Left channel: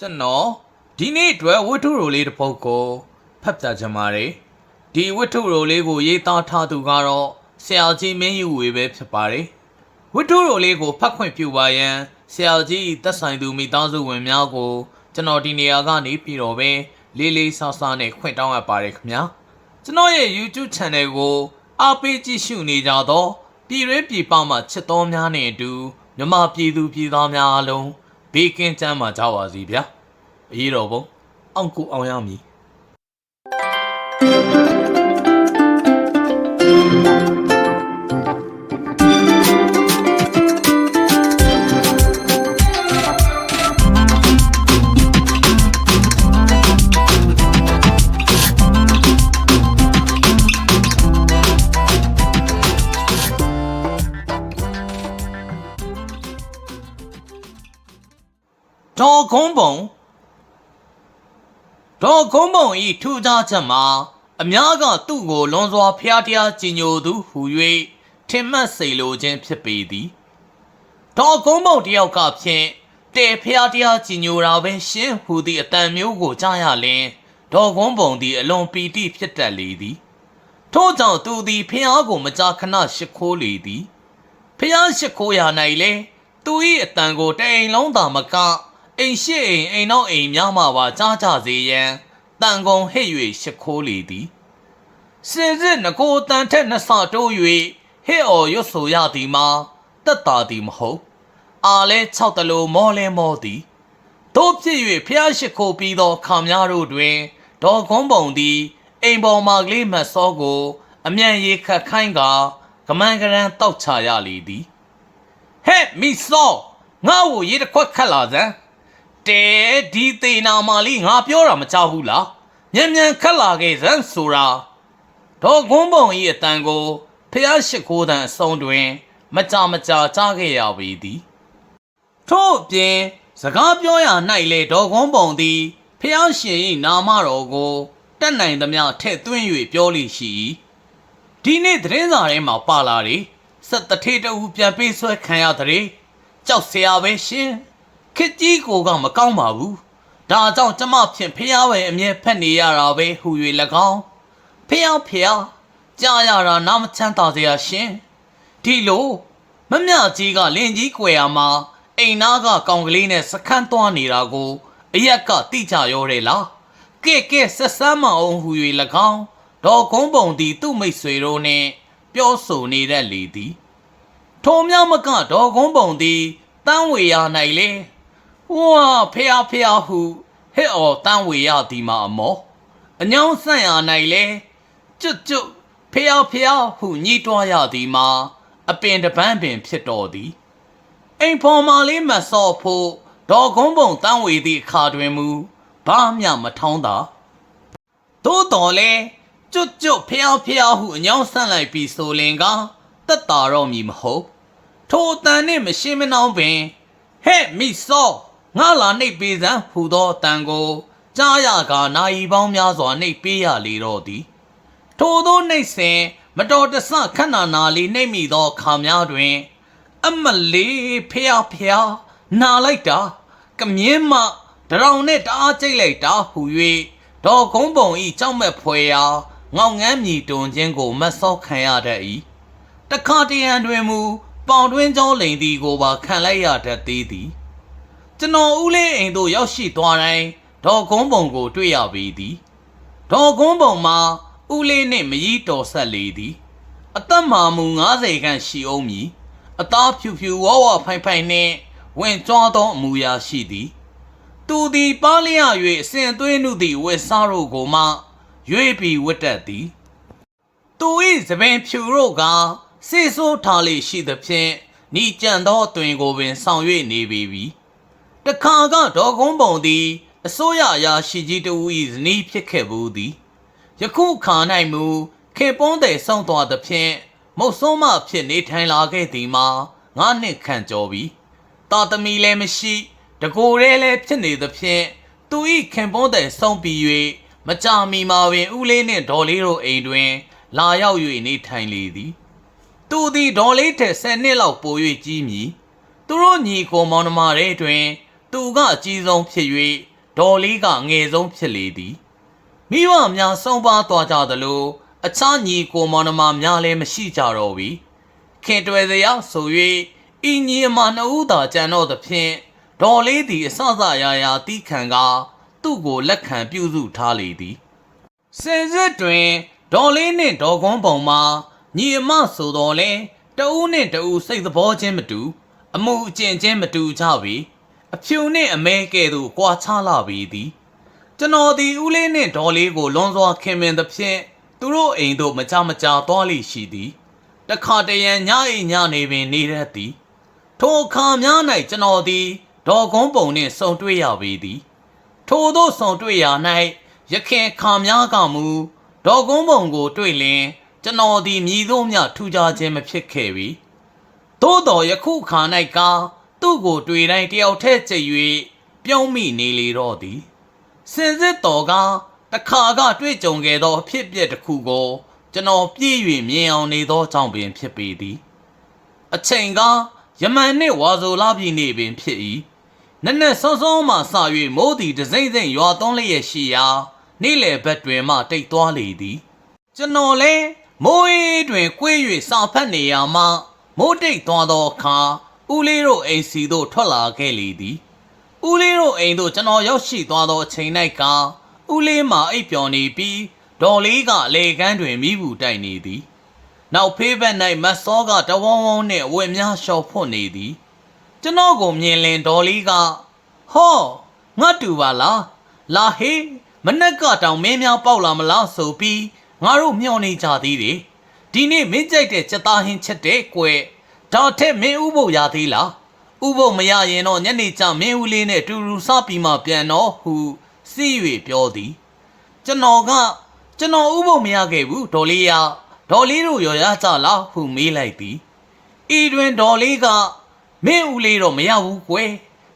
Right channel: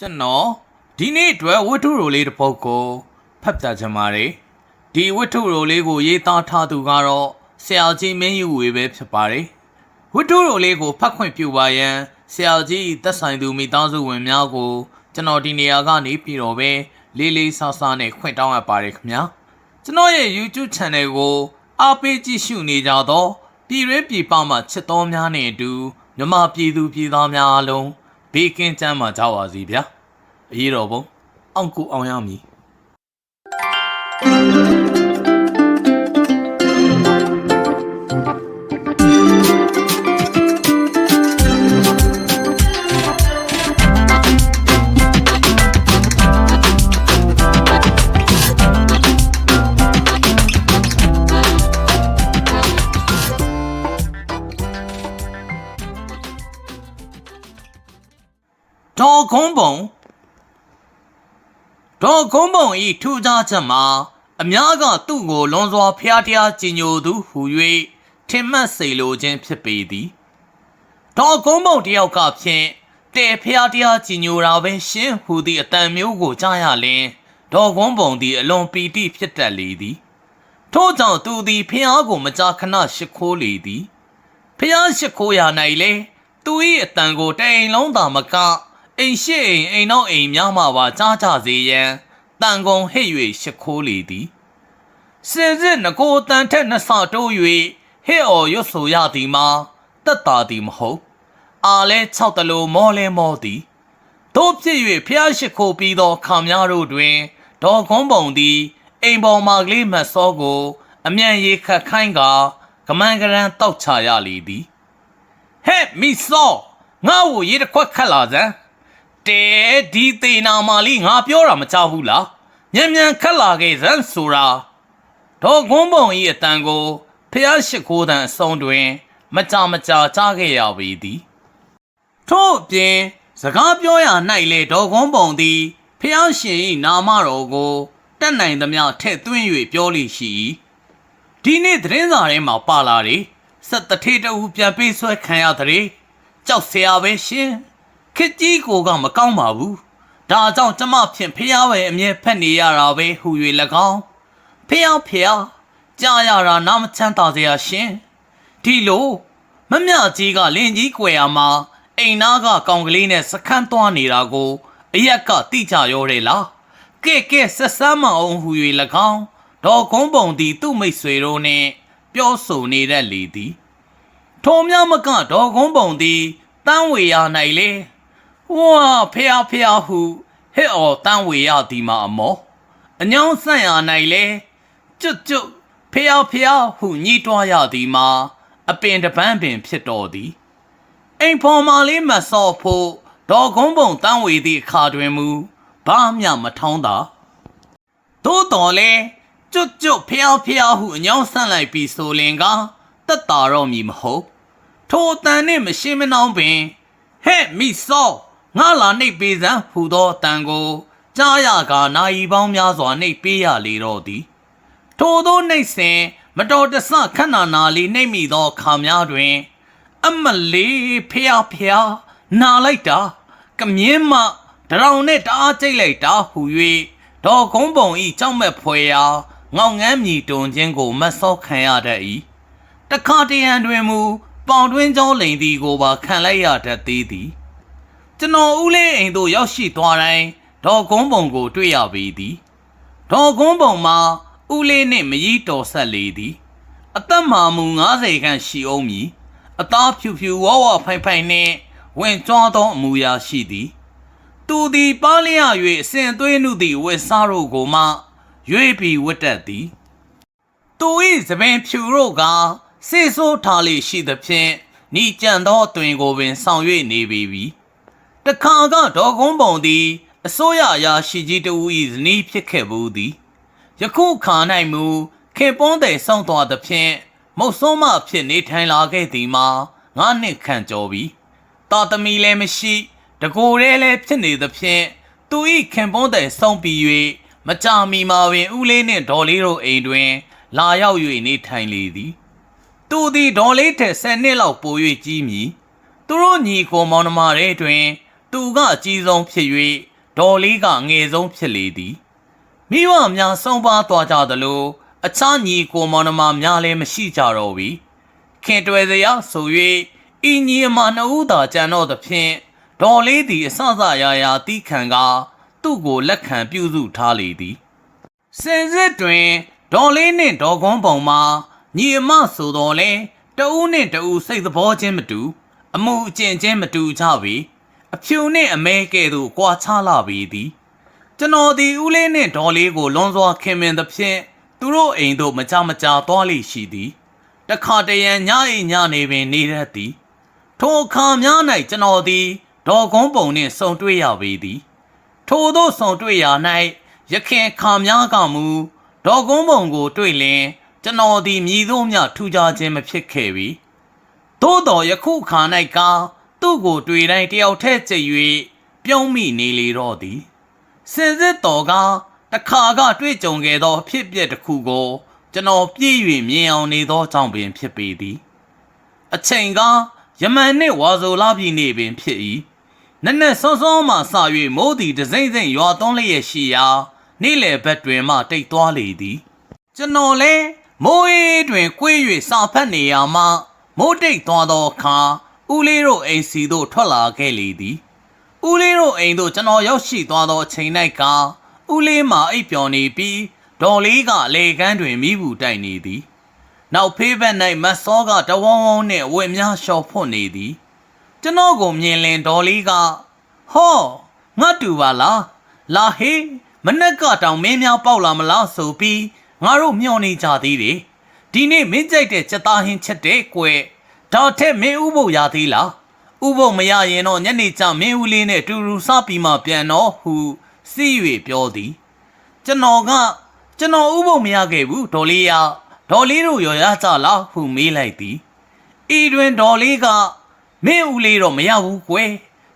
ကျွန်တော်ဒီနေ့အတွက်ဝတ္ထုရိုလေးတစ်ပုဒ်ကိုဖတ်ပြချင်ပါတယ်ဒီဝတ္ထုရိုလေးကိုရေးသားထားသူကတော့ဆရာကြီးမင်းယူဝေပဲဖြစ်ပါတယ်ဝတ္ထုရိုလေးကိုဖတ်ခွင့်ပြုပါရန်ဆရာကြီးသက်ဆိုင်သူမိသားစုဝင်များကို ကျွန်တော်ဒီနေရာကနေပြည်တော်ပဲလေးလေးဆဆနဲ့ခွင့်တောင်းအပ်ပါတယ်ခင်ဗျာကျွန်တော်ရဲ့ YouTube Channel ကိုအားပေးကြည့်ရှုနေကြတော့ပြည်ရင်းပြည်ပမှာချစ်တော်များနဲ့အတူမြမပြည်သူပြည်သားများအားလုံး ဘေးကင်းချမ်းသာကြပါစေဗျာအရေးတော်ပုံအောင်ကိုအောင်ရမည် ဒေါ်ကုန်းပုံဒေါ်ကုန်းပုံဤထူးခြားချက်မှာအများကသူ့ကိုလွန်စွာဖျားတရားကြည်ညိုသူဟူ၍ထင်မှတ်စေလိုခြင်းဖြစ်ပေသည်ဒေါ်ကုန်းပုံတယောက်ကဖြင့်တဲဖျားတရားကြည်ညိုတာပဲရှင်းဟူသည့်အတန်မျိုးကိုကြားရလင်ဒေါ်ကုန်းပုံသည်အလွန်ပီတိဖြစ်တတ်လေသည်ထို့ကြောင့်သူသည်ဖျားကိုမကြာခဏရှိခိုးလေသည်ဖျားရှိခိုးရ၌လေသူ၏အတန်ကိုတအိမ်လုံးသာမက အိမ်ရှိအိမ်အိမ်နောက်အိမ်များမှပါကြားကြစေရန်တန်ကုန်ဟစ်၍ရှိခိုးလေသည်စင်စစ်ငကိုတန်ထက်နှစ်ဆတိုး၍ဟစ်အော်ရွတ်ဆိုရသည်မှာတက်တာသည်မဟုတ်အာလဲ၆တလို့မောလဲမောသည်တို့ဖြစ်၍ဖျားရှိခိုးပြီးသောခါများတို့တွင်ဒေါ်ခွန်ပုံသည်အိမ်ပေါ်မှကလေးမတ်စောကို အမြန်ရေခတ်ခိုင်းကကမန်ကရန်တောက်ချရလေသည်ဟဲ့မီဆောငါ့ကိုရေတစ်ခွက်ခတ်လာစမ်း တဲဒီသေနာမာလီငါပြောတာမချဘူးလားမြန်မြန်ခတ်လာခဲ့စမ်းဆိုတာဒေါ်ကွန်းပုံဤအတန်ကိုဖျားရှိခိုးတန်အစုံတွင် မကြမကြာကြားခဲ့ရပေသည်ထို့အပြင်စကားပြောရ၌လေဒေါ်ကွန်းပုံသည်ဖျားရှင်၏နာမတော်ကိုတက်နိုင်သမျှထည့်သွင်း၍ပြောလိရှိ၏ဒီနေ့သတင်းစာထဲမှာပါလာတယ်စက်တထေးတအူပြန်ပေးဆွဲခံရတဲ့ကြောက်စရာပဲရှင် ခစ်ကြီးကိုကမကောင်းပါဘူးဒါကြောင့်ကျမဖြင့်ဖះပဲအမြဲဖက်နေရတာပဲဟူ၍၎င်းဖះဖះကြားရတာနားမချမ်းသာစရာရှင်ဒီလိုမမြကြီးကလင်ကြီးကွယ်ရမှာအိမ်နာကကောင်ကလေးနဲ့စခန်းသွားနေတာကိုအရက်ကတိကြရောတယ်လားကဲကဲဆက်ဆမ်းမအောင်ဟူ၍၎င်းဒေါ်ကုန်းပုံသည်သူ့မိတ်ဆွေတို့နှင့်ပြောဆိုနေတတ်လေသည်ထိုမြမကဒေါ်ကုန်းပုံသည်တန်းဝေရ၌လေ ဝါဖះဖះဟုဟဲ့အော်တန်းဝေရသည်မှာအမောအညောင်းဆန့်ရ၌လေကျွတ်ကျွတ်ဖះဖះဟုညှိတွားရသည်မှာအပင်တပန်းပင်ဖြစ်တော်သည်အိမ်ဖော်မာလေးမဆော့ဖို့ဒေါ်ကုန်းပုံတန်းဝေသည့်အခါတွင်မူဘာမျှမထောင်းတာသို့တော်လဲကျွတ်ကျွတ်ဖျားဖျားဟုအညောင်းဆန့်လိုက်ပြီးဆိုလင်ကတက်တာတော့မည်မဟုတ်ထိုအတန်နှင့်မရှင်းမနှောင်းပင်ဟဲ့မိဆော ငါလာနှိပ်ပေးစမ်းဟူသောအတန်ကိုကြားရကနာယီပေါင်းများစွာနှိပ်ပေးရလေတော့သည်ထိုသောနှိပ်စဉ်မတော်တဆခဏနာလေးနှိပ်မိသောခါများတွင် အမလေးဖျားဖျားနာလိုက်တာကမြင်းမတရောင်နဲ့တအားကြိတ်လိုက်တာဟူ၍ဒေါ်ကုန်းပုံဤကြောက်မဲ့ဖွယ်ရာငောင်ငန်းမြည်တွန်ခြင်းကိုမတ်ဆောခံရတတ်၏တခါတရံတွင်မူပေါင်တွင်းကျောင်းလိန်သည်ကိုပါခံလိုက်ရတတ်သေးသည် ကျွန်တော်ဦးလေးအိမ်သို့ရောက်ရှိသွားတိုင်းဒေါ်ကုန်းပုံကို တွေ့ရပေသည်ဒေါ်ကုန်းပုံမှာဦးလေးနှင့်မကြီးတော်ဆက်လေသည် အသက်မာမူ90ခန့်ရှိအောင်မည်အသားဖြူဖြူဝဝဖိုင်ဖိုင်နှင့်ဝင်ကြွားသောအမူအရာရှိသည်သူသည်ပါလျ၍အစဉ်သွေးနှုသည့်ဝက်စားတို့ကိုမှရွေပြီးဝတ်တတ်သည်သူ၏သပင်ဖြူတို့ကစေဆိုးထားလေရှိသဖြင့်ဤကြံသောအသွင်ကိုပင်ဆောင်၍နေပေပြီ တခါကဒေါ်ကုန်းပုံသည်အစိုးရအရာရှိကြီးတဦး၏ဇနီးဖြစ်ခဲ့ဘူးသည်ယခုခါ၌မူခင်ပွန်းတဲ့ဆောင်းသွားသဖြင့်မုတ်ဆိုးမဖြစ်နေထိုင်လာခဲ့သည်မှာငါနှစ်ခန့်ကျော်ပြီတာသမီလည်းမရှိတကိုယ်ရဲလည်းဖြစ်နေသဖြင့်သူ၏ခင်ပွန်းတဲ့ဆောင်းပြီး၍မကြမီမှာပင်ဦးလေးနှင့်ဒေါ်လေးတို့အိမ်တွင် လာရောက်၍နေထိုင်လေသည်သူသည်ဒေါ်လေးထက်10နှစ်လောက်ပို၍ကြီးမည်သူတို့ညီကိုမောင်နှမတွေတွင် သူသူကအကြီးဆုံးဖြစ်၍ဒေါ်လေးကငယ်ဆုံးဖြစ်လေသည်မိဘများဆုံးပါသွားကြသလိုအခြားညီကိုမောင်နှမများလည်းမရှိကြတော့ပြီခင်တွယ်စရာဆို၍ဤညီအမနှစ်ဦးသာကြံတော့သဖြင့်ဒေါ်လေးသည်အဆအဆရာရာတီးခံကသူ့ကိုလက်ခံပြုစုထားလေသည်စင်စစ်တွင်ဒေါ်လေးနှင့်ဒေါ်ကွန်းပုံမှာညီအမဆိုတော်လဲတဦးနှင့်တဦးစိတ်သဘောချင်းမတူ အမှုအကျင့်ချင်းမတူကြပေ အဖြူနှင့်အမဲကဲ့သို့ကွာခြားလာပေသည်ကျွန်တော်ဒီဦးလေးနှင့်ဒေါ်လေးကိုလွန်စွာခင်မင်သဖြင့်သူတို့အိမ်သို့မကြမကြာသွားလိရှိသည်တခါတရံညအိမ်ညနေပင်နေရသည်ထိုအခါများ၌ကျွန်တော်သည်ဒေါ်ကွန်းပုံနှင့်ဆုံတွေ့ရပေသည်ထို့သောဆောင်တွေ့ရာ၌ရခင်ခါများကမူဒေါ်ကုန်းပုံကိုတွေ့လင်ကျွန်တော်သည်မြည်သောမြထူကြခြင်းမဖြစ်ခဲ့ပြီသို့တော်ယခုခါ၌က သူ့ကိုတွေ့တိုင်းတယောက်တည်းကြိတ်၍ပြုံးမိနေလေတော့သည်စင်စစ်တော်ကတခါကတွေ့ကြုံခဲ့သောအဖြစ်အပျက်တစ်ခုကိုကျွန်တော်ပြည့်၍မြင်အောင်နေသောကြောင့်ပင်ဖြစ်ပေသည်အချိန်ကယမန်နှင့်ဝါဆိုလာပြည်နေပင်ဖြစ်၏နက်နက်စောစောမှစ၍မိုးသည်တစိမ့်စိမ့်ရွာသွန်းလျက်ရှိရာနေ့လယ်ဘက်တွင်မှတိတ်သွားလေသည် ကျွန်တော်လဲမိုးအေးတွင်ကွေး၍စာဖတ်နေရမှမိုးတိတ်သွားသောအခါ ဦးလေးတို့အိမ်စီသို့ထွက်လာခဲ့လေသည်ဦးလေးတို့အိမ်သို့ကျွန်တော်ရောက်ရှိသွားသောအချိန်၌ကဦးလေးမှအိပ်ပျော်နေပြီးဒေါ်လေးကအလေကန်းတွင်မိဘူးတိုက်နေသည် နောက်ဖေးဘက်၌မတ်စောကတဝုံဝုံနှင့်အဝတ်များလျှော်ဖွတ်နေသည် ကျွန်တော်ကိုမြင်လင်ဒေါ်လေးကဟောငါတူပါလားလာဟေးမနက်ကတောင်မင်းများပေါက်လာမလားဆိုပြီးငါတို့မျှော်နေကြသေးတယ်ဒီနေ့မင်းကြိုက်တဲ့စက်သားဟင်းချက်တဲ့ကွယ် ဒါထက်မင်းဥဖို့ရသေးလားဥဖို့မရရင်တော့ညနေကျမင်းဦးလေးနဲ့တူတူစားပြီးမှပြန်တော့ဟုစီး၍ပြောသည် ကျွန်တော်ကကျွန်တော်ဥပုံမရခဲ့ဘူးဒေါ်လေးရဒေါ်လေးတို့ရော်ရကြလားဟုမေးလိုက်သည်ဤတွင်ဒေါ်လေးကမင်းဦးလေးတော့မရဘူးကွယ်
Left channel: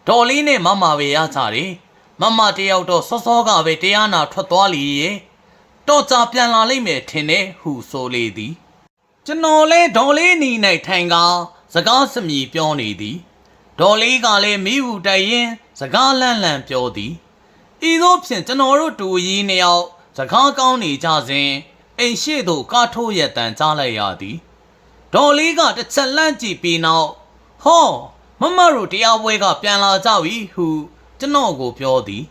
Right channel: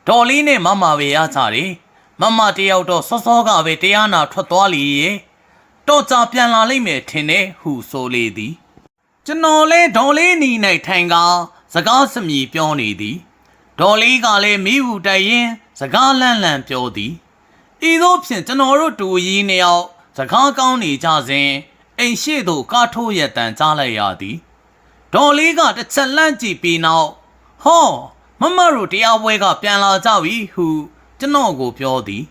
ဒေါ်လေးနဲ့မမပဲရကြတယ်မမတယောက်တော့စောစောကပဲတရားနာထွက်သွားလီရဲ့တော့ကြပြန်လာလိမ့်မယ်ထင်တယ်ဟုဆိုလေသည် ကျွန်တော်လဲဒေါ်လေးနီ၌ထိုင်ကစကားစမြည်ပြောနေသည်ဒေါ်လေးကလည်းမိဟုတိုင်ရင် စကားလန့်လန့်ပြောသည်ဤသို့ဖြင့်ကျွန်တော်တို့တူကြီးနှစ်ယောက်စကားကောင်းနေကြစဉ်အိမ်ရှိသို့ကားထိုးရတန်ကြားလိုက်ရသည်ဒေါ်လေးကတစ်ချက်လှမ်းကြည့်ပြီးနောက်ဟောမမတို့တရားပွဲကပြန်လာကြပြီဟုကျွန်တော်ကိုပြောသည်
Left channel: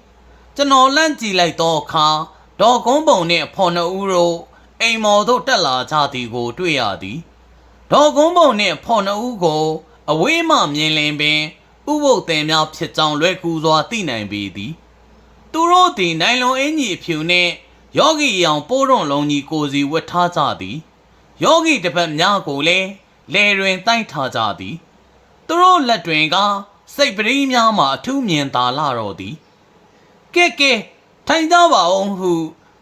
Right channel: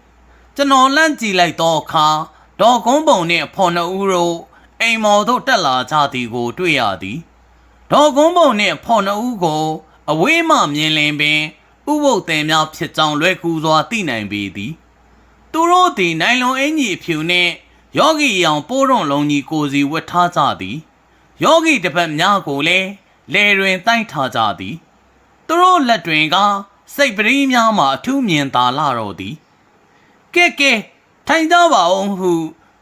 ကျွန်တော်လှမ်းကြည့်လိုက်သောအခါဒေါ်ကုန်းပုံနှင့်အဖော်နှစ်ဦးတို့ အိမ်မော်သို့တက်လာကြသည်ကို တွေ့ရသည်ဒေါ်ကုန်းပုံနှင့်အဖော်နှစ်ဦးကို အဝေးမှမြင်လင်ပင်ဥပုပ်တယ်များဖြစ်ကြောင်းလွယ်ကူစွာသိနိုင်ပေသည်သူတို့သည်နိုင်လွန်အင်ကြီးအဖြူနှင့်ယောဂီအယောင်ပိုးရွန်လုံးကြီးကိုစီဝတ်ထားကြသည်ယောဂီတစ်ပတ်များကိုလည်းလေတွင်တိုက်ထားကြသည်သူတို့လက်တွင်ကစိတ်ပရိများမှအထူးမြင်သာလာတော့သည်ကဲကဲထိုင်ကြပါအောင်ဟု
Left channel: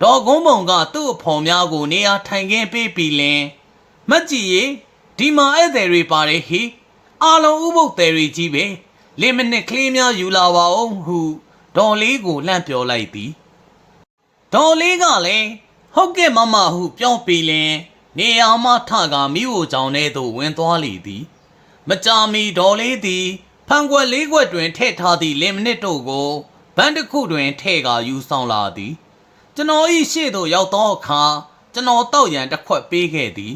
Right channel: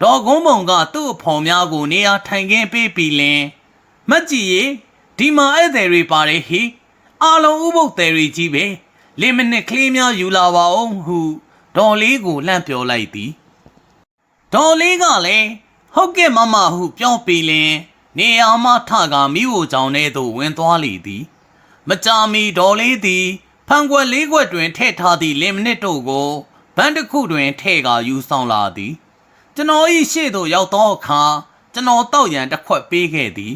ဒေါ်ကုန်းပုံကသူ့အဖော်များကိုနေရာထိုင်ခင်းပေးပြီးလင်မတ်ကြီးရေဒီမှာဧည့်သည်တွေပါတယ်ဟိအားလုံးဥပုပ်သည်တွေကြီးပဲလင်မနစ်ကလေးများယူလာပါအောင်ဟုဒေါ်လေးကိုလှမ်းပြောလိုက်သည်ဒေါ်လေးကလည်းဟုတ်ကဲ့မမဟုပြောပြီးလင်နေရာမှထကမိဖို့ကြောင့်ထဲသို့ဝင်သွားလေသည် မကြာမီဒေါ်လေးသည်ဖန်ခွက်လေးခွက်တွင်ထည့်ထားသည့်လင်မနစ်တို့ကိုဘန်းတစ်ခုတွင်ထည့်ကာယူဆောင်လာသည် ကျွန်တော်၏ရှေ့သို့ရောက်သောအခါကျွန်တော်တောက်ရန်တစ်ခွက်ပေးခဲ့သည်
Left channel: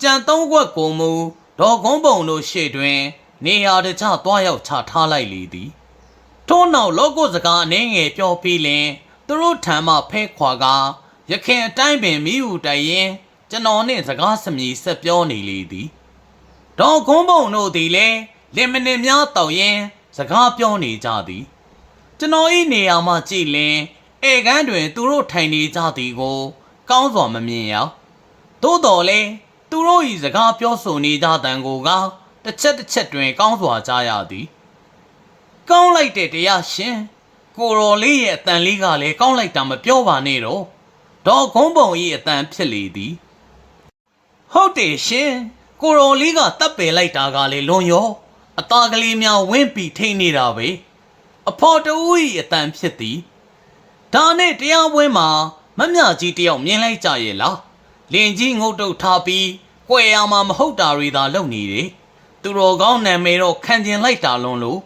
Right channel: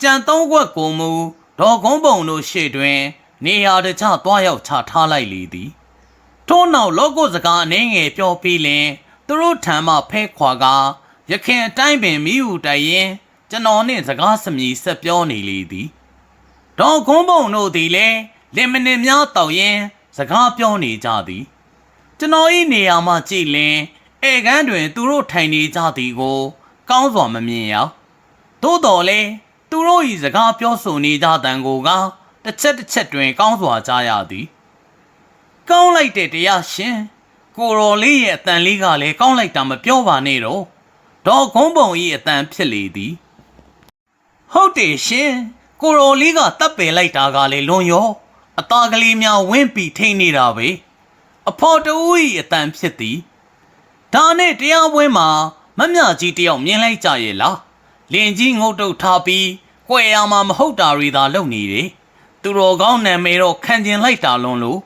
ကြံသုံးခွက်ကိုမူဒေါ်ကုန်းပုံတို့ရှေ့တွင် နေရာတကျသွားရောက်ချထားလိုက်လေသည်ထို့နောက်လောကုစကားအနှင်းငယ်ပြောပြီးလင်သူတို့ထံမှဖဲခွာကရခင်အတိုင်းပင်မိဟုတိုင်ရင်ကျွန်တော်နှင့်စကားစမြည်ဆက်ပြောနေလေသည်ဒေါ်ခွန်းပုံတို့သည်လည်းလင်မနစ်များတောက်ရင် စကားပြောနေကြသည်ကျွန်တော်၏နေရာမှကြည့်လင် ဧကန်းတွင် သူတို့ထိုင်နေကြသည်ကို ကောင်းစွာမမြင်ရသို့တော်လဲသူတို့၏စကားပြောဆိုနေကြတန်ကိုကတစ်ချက်တစ်ချက်တွင် ကောင်းစွာကြားရသည် ကောင်းလိုက်တဲ့တရားရှင်ကိုရော်လေးရဲ့အတန်လေးကလည်းကောင်းလိုက်တာမပြောပါနဲ့တော့ဒေါ်ကုန်းပုံကြီးအတန်ဖြစ်လေသည် ဟုတ်တယ်ရှင်ကိုရော်လေးကတပ်ပယ်လိုက်တာကလည်းလွန်ရောအသားကလေးများဝင်းပြီးထိန်နေတာပဲအဖော်တူကြီးအတန်ဖြစ်သည် ဒါနဲ့တရားပွဲမှာမမြကြီးတယောက်မြင်လိုက်ကြရဲ့လားလင်ကြီးငုတ်တုတ်ထားပြီးကြွယ်ရမှာမဟုတ်တာတွေသာလုပ်နေတယ်သူတော်ကောင်းနာမည်တော့ခံကျင်လိုက်တာလွန်လို့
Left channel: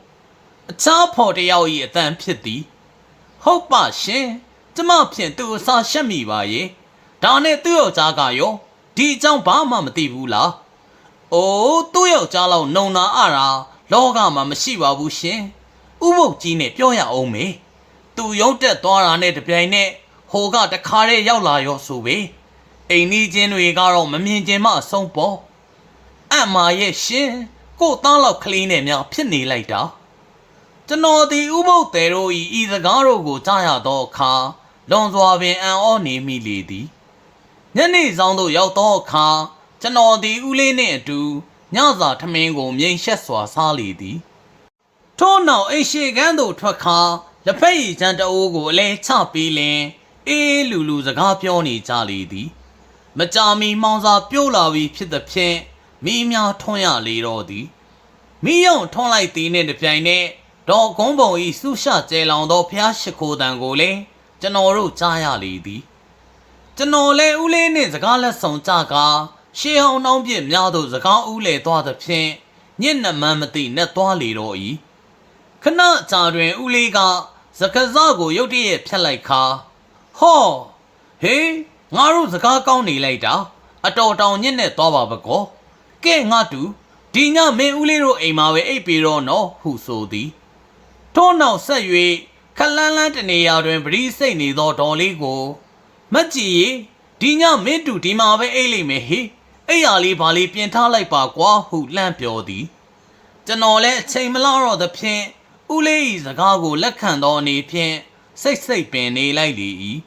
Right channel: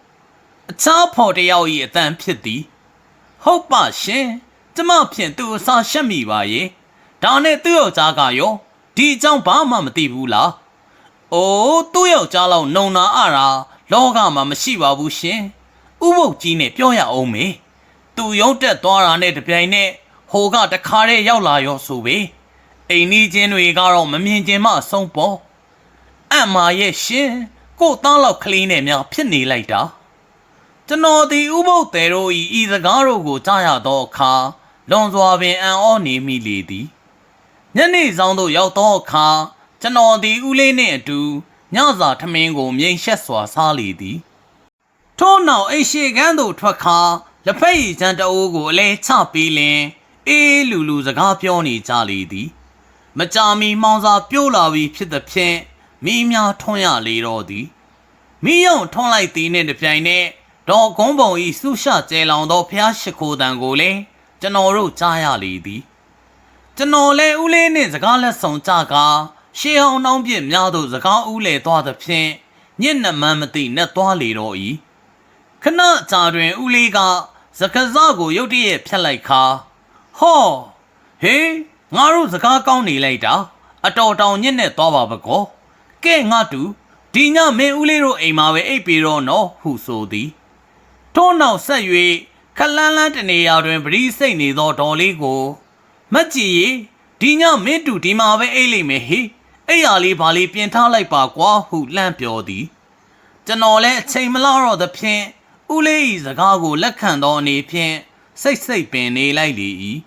အခြားဖော်တစ်ယောက်၏အတန်ဖြစ်သည်ဟုတ်ပါရှင်ကျမဖြင့်သူ့အစာရှက်မိပါရဲ့ဒါနဲ့သူ့ယောက်ျားကရောဒီအကြောင်းဘာမှမသိဘူးလားအိုးသူ့ယောက်ျားလောက်နှုံနာအတာလောကမှာမရှိပါဘူးရှင်ဥပုပ်ကြီးနဲ့ပြောရအောင်မေ သူရုံးတက်သွားတာနဲ့တပြိုင်နက်ဟိုကတခါတည်းရောက်လာရောဆိုပေအိမ်နီးချင်းတွေကတော့မမြင်ကျင်မှအဆုံးပေါ်အံ့မာရဲ့ရှင်ကို့သားလောက်ကလေးနဲ့များဖြစ်နေလိုက်တာကျွန်တော်ဒီဥပုပ်သေးတို့ဤဤစကားတို့ကိုကြားရသောအခါလွန်စွာပင်အံ့ဩနေမိလေသည်ညနေဆောင်သို့ရောက်သောအခါကျွန်တော်ဒီဦးလေးနှင့်အတူညစာထမင်းကိုမြိန်ရှက်စွာစားလေသည်ထို့နောက်အိမ်ရှိကန်းသို့ထွက်ခါ လက်ဖက်ရည်ချမ်းတအိုးကိုအလဲချပြီးလင်အေးလူလူစကားပြောနေကြလေသည် မကြာမီမောင်စာပြိုးလာပြီးဖြစ်သည်ဖြင့်မိများထွန်းရလေတော့သည်မိယုံထွန်းလိုက်သည်နှင့်တပြိုင်နက်ဒေါ်ကုန်းပုံဤဆုရှကျဲလောင်သောဖျားရှိခိုးတံကိုလည်းကျွန်တော်တို့ကြားရလေသည်ကျွန်တော်လည်းဦးလေးနှင့်စကားလက်ဆောင်ကြကာရှေးဟောင်းနှောင်းပြစ်များသို့စကားဦးလေသွားသဖြင့်ညစ်နှမန်းမသိနှက်သွားလေတော့၏ ခဏကြာတွင်ဦးလေးကစကားစကိုရုတ်တရက်ဖြတ်လိုက်ခါဟောဟေးငါတို့စကားကောင်းနေလိုက်တာအတော်တောင်ညစ်နဲ့သွားပါပကောကဲငါတူဒီညမင်းဦးလေးတို့အိမ်မှာပဲအိပ်ပြီးတော့နော်ဟုဆိုသည်ထို့နောက်ဆက်၍ခလန်းလန်းတနေရာတွင်ပရိစိတ်နေသောဒေါ်လေးကိုမက်ကြီးရေဒီညမင်းတူဒီမှာပဲအိပ်လိမ့်မယ်ဟေအဲ့ရလေးဘာလေးပြင်ထားလိုက်ပါကွာဟုလှမ်းပြောသည်ကျွန်တော်လည်းအချိန်မလားတော့သဖြင့် ဦးလေး၏စကားကိုလက်ခံသောအနေဖြင့်စိတ်စိတ်ပင်နေလိုက်လေ၏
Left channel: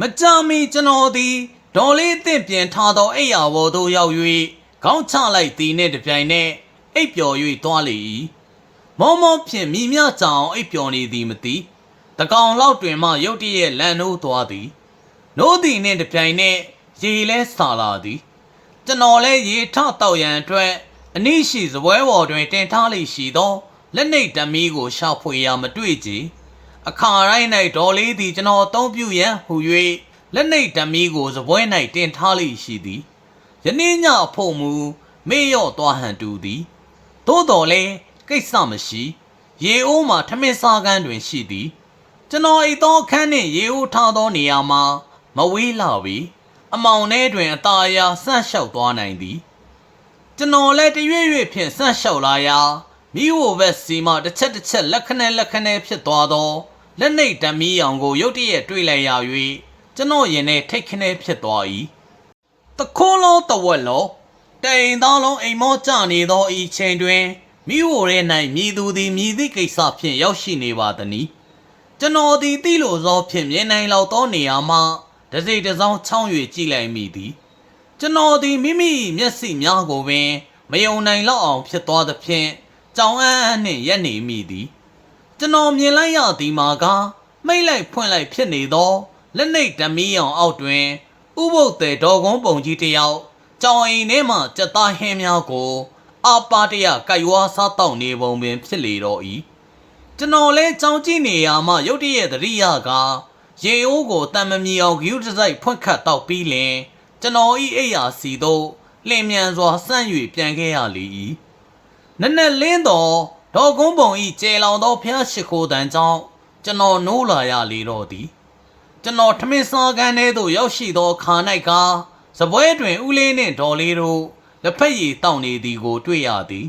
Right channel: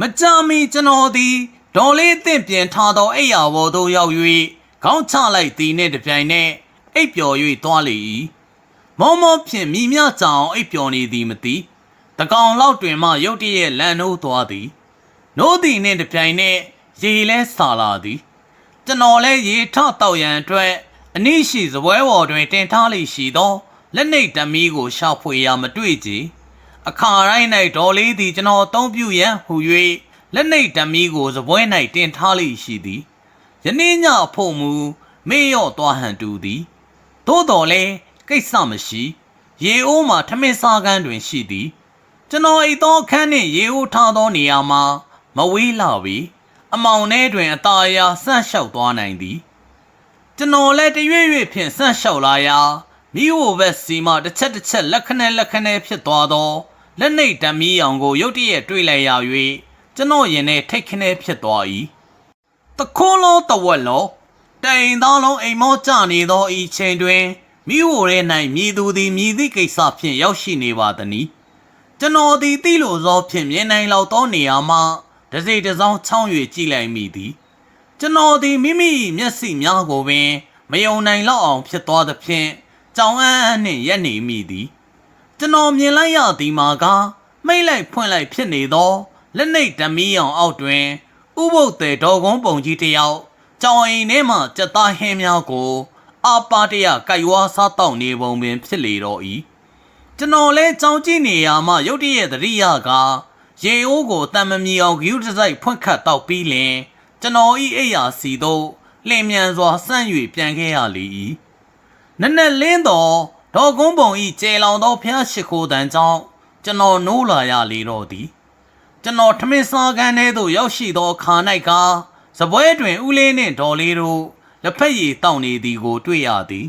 မကြမီကျွန်တော်သည်ဒေါ်လေးအသင့်ပြင်ထားသောအိယာဘော်သို့ရောက်၍ခေါင်းချလိုက်သည်နှင့်တပြိုင်နက်အိပ်ပျော်၍သွားလေ၏မောမောဖြင့်မိမြကြောင်အိပ်ပျော်နေသည်မသိတကောင်လောက်တွင်မှရုတ်တရက်လန်နိုးသွားသည်နိုးသည်နှင့်တပြိုင်နက်ရေလဲဆာလာသည်ကျွန်တော်လည်းရေထတောက်ရန်အတွက်အနည်းရှိစပွဲပေါ်တွင်တင်ထားလိရှိသော လက်နှိပ်ဓမီကိုရှောက်ဖွေရာမတွေ့ကြအခါတိုင်း၌ဒေါ်လေးသည်ကျွန်တော်အသုံးပြုရန်ဟူ၍လက်နှိပ်ဓမီကိုစပွဲ၌တင်ထားလိရှိသည်ယနေ့ညအဖို့မူမေ့လျော့သွားဟန်တူသည်သို့တော်လဲကိစ္စမရှိရေအိုးမှာထမင်းစားကန်းတွင်ရှိသည် ကျွန်တော်အိတ်သောအခန်းနှင့်ရေအိုးထားသောနေရာမှာမဝေးလာပြီအမောင်ထဲတွင်အตาအရာဆန့်လျှောက်သွားနိုင်သည် ကျွန်တော်လည်းတရွေ့ရွေ့ဖြင့်ဆန့်လျှောက်လာရာ မိဝဘက်စီမှတစ်ချက်တစ်ချက်လက်ခနဲလက်ခနဲဖြစ်သွားသောလက်နှိပ်ဓမီအောင်ကိုရုတ်တရက်တွေ့လိုက်ရ၍ကျွန်တော်ရင်ထဲထိတ်ခနဲဖြစ်သွား၏တခိုးလုံးတဝက်လုံးတိန်သားလုံးအိမ်မောကြနေသောဤချိန်တွင်မိဝရဲ၌မြည်သူသည်မြည်သည့်ကိစ္စဖြင့်ရောက်ရှိနေပါသည်။ကျွန်တော်သည်သိလို့သောဖြင့်မြင်နိုင်လောက်သောနေရာမှတစိတစောင်းချောင်း၍ကြည့်လိုက်မိသည်။ကျွန်တော်သည်မိမိမျက်စိများကိုပင် မယုံနိုင်လောက်အောင်ဖြစ်သွားသဖြင့် ကြောင်အန်းအန်းနှင့်ရက်နေမိသည်။ကျွန်တော်မြင်လိုက်ရသည်မှာကမိတ်လိုက်ဖွင့်လိုက်ဖြစ်နေသောလက်နှိပ်ဓမီအောင်အောက်တွင်ဥပုပ်တဲ့ဒေါ်ကုန်းပုံကြီးတစ်ယောက်ကြောင်အိမ်ထဲမှကြက်သားဟင်းများကိုအပါတရကြိုက်ဝါစားတောက်နေပုံပင်ဖြစ်လေတော့၏ကျွန်တော်လဲကြောင်ကြည့်နေရမှရုတ်တရက်သတိရကရေအိုးကိုတံမမီအောင်ဂယူတစ်စိုက်ဖွင့်ခတ်တောက်ပြီးလင်ကျွန်တော်ဤအိယာစီသို့လင်မြန်စွာဆန့်၍ပြန်ခဲ့ရလေ၏ နက်နက်လင်းတော်ဒေါ်ကုန်းပုံဤကျေလောင်သောဖျားရှိခိုးတန်ကြောင့်ကျွန်တော်နိုးလာရလေတော့သည်ကျွန်တော်ထမင်းစားကန်းထဲသို့ရောက်ရှိသောခါ၌ကစပွဲတွင်ဦးလေးနှင့်ဒေါ်လေးတို့လက်ဖက်ရည်တောက်နေသည်ကို တွေ့ရသည်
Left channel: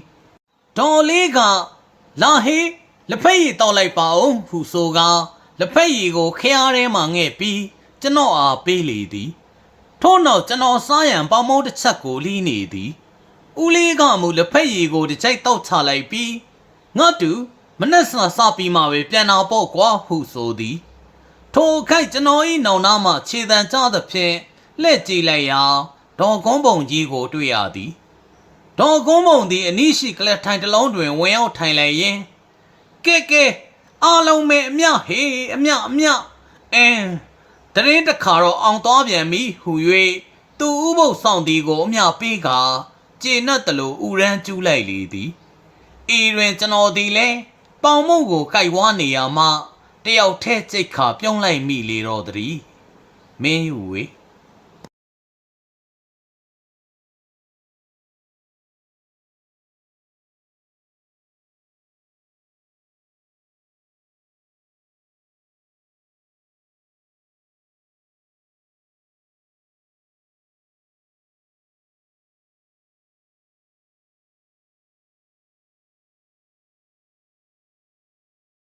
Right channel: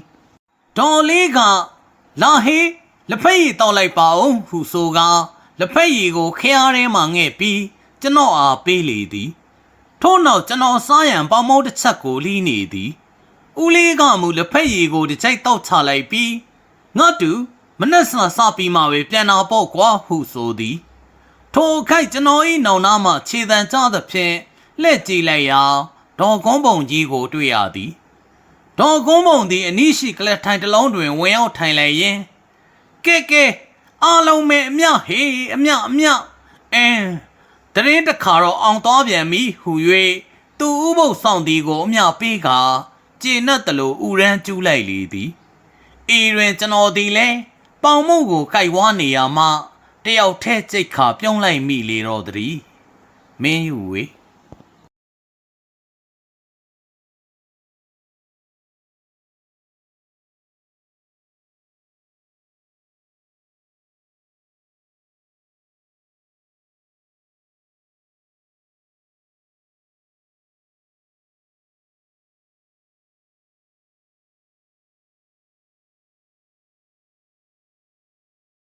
ဒေါ်လေးကလာဟေးလက်ဖက်ရည်တောက်လိုက်ပါဦးဟုဆိုကားလက်ဖက်ရည်ကိုခရားထဲမှငှဲ့ပြီးကျွန်တော်အားပေးလေသည်ထို့နောက်ကျွန်တော်စားရန်ပေါမောတစ်ချက်ကိုလီးနေသည် ဦးလေးကမူလက်ဖက်ရည်ကိုတစ်ချိုက်တောက်ချလိုက်ပြီးငါတူမနှက်ဆာစပြီးမှပဲပြန်လာပေါ့ကွာဟုဆိုသည် ထိုခိုက်ကျွန်တော်ဤနောင်နာမှခြေတံကြသဖြင့်လှည့်ကြည့်လိုက်ရာဒေါ်ကုန်းပုံကြီးကိုတွေ့ရသည်ဒေါ်ကုန်းပုံသည်အနိရှိကလက်ထိုင်တစ်လုံးတွင်ဝင်ရောက်ထိုင်လိုက်ရင်ကဲကဲအားလုံးပဲအမြဟေးအမြအမြအင်းတရင်တစ်ခါတော့အောင်သွားပြန်ပြီဟူ၍သူ့ဥပုပ်ဆောင်သည်ကိုအမြပေးက ကျေနပ်တလို့ဥရန်ကျူးလိုက်လေသည်ဤတွင်ကျွန်တော်သည်လည်းပေါင်မုတ်ကိုကြိုက်ဝါနေရမှတယောက်ထဲစိတ်ခါပြုံးလိုက်မိလေတော့သည်မင်းယူဝေ